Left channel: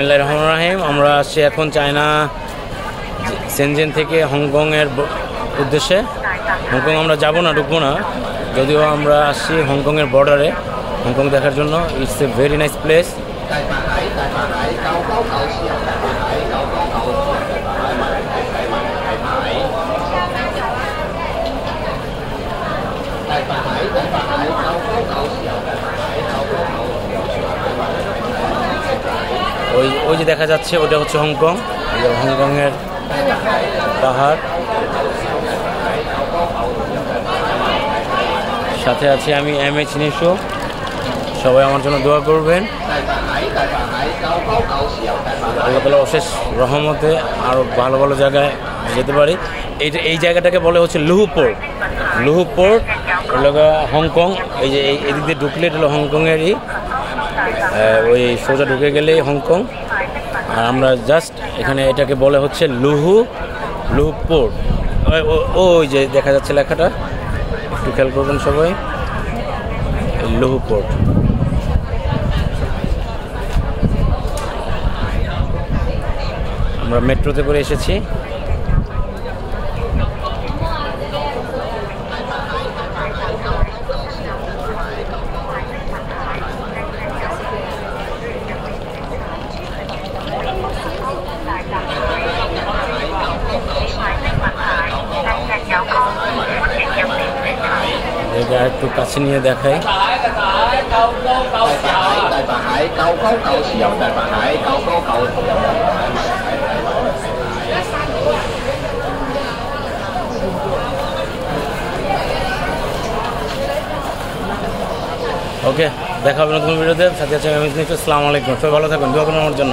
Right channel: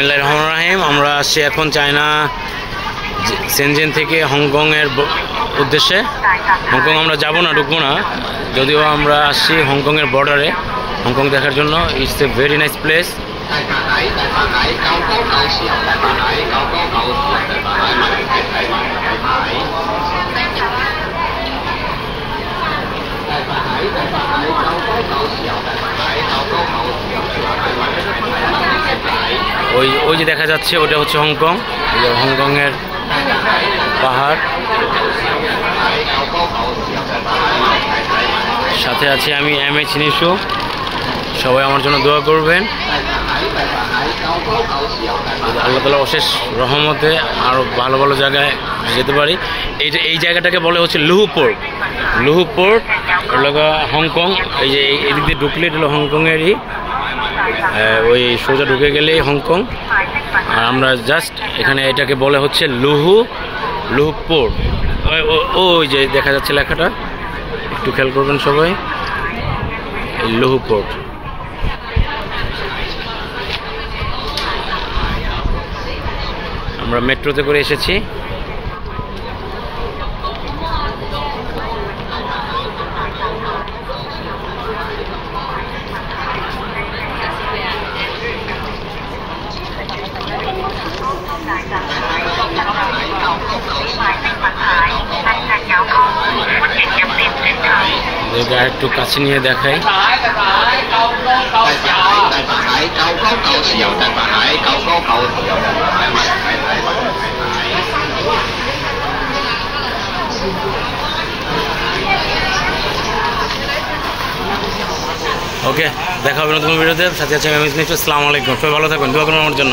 বিসমিল্লাহির রহমানির রহিম। আমরা আসছি এখন চায়না শেনজেন থেকে হংকংয়ের উদ্দেশ্যে। হংকং আমরা যাব না, ঢুকবো না, যদিও আমরা আসছি হংকংয়ের বর্ডারে হংকং দেখার জন্য। It's a very nice place. ওই যে দেখা যাচ্ছে ওটা হচ্ছে হংকং। হংকংয়ের পাহাড়, সাথে আছি আমি MH নিশু। সবাই আমার জন্য দোয়া করবেন। আল্লাহ তাআলার অশেষ রহমতে আরও ভালো ভালো জায়গায় যেতে পারি। এই জায়গাটাকে বলে হচ্ছে লুহু পোর্ট। লুহু পোর্ট হলো হংকং। এই যে এদিক দিয়ে ঢুকলে এটা হলো হংকংয়েরই, ওই সোজা ঢুকে গেলেই হংকং। আর আমরা জাস্ট এখানে এটাকে বলে হচ্ছে লুহু পোর্ট। ওই যে দেখা যাচ্ছে লেখাটা, একটু খেয়াল করবেন সবাই, লুহু পোর্ট। আমরা মেট্রোতে করে এসেছি। একটু কাছে নিয়ে দেখাই। ওকে, দেখা হবে নতুন ভিডিওতে। সাথে আছে আমি। আসসালামু আলাইকুম। সবাই ভালো থাকবেন, দোয়া করুন আমার জন্য।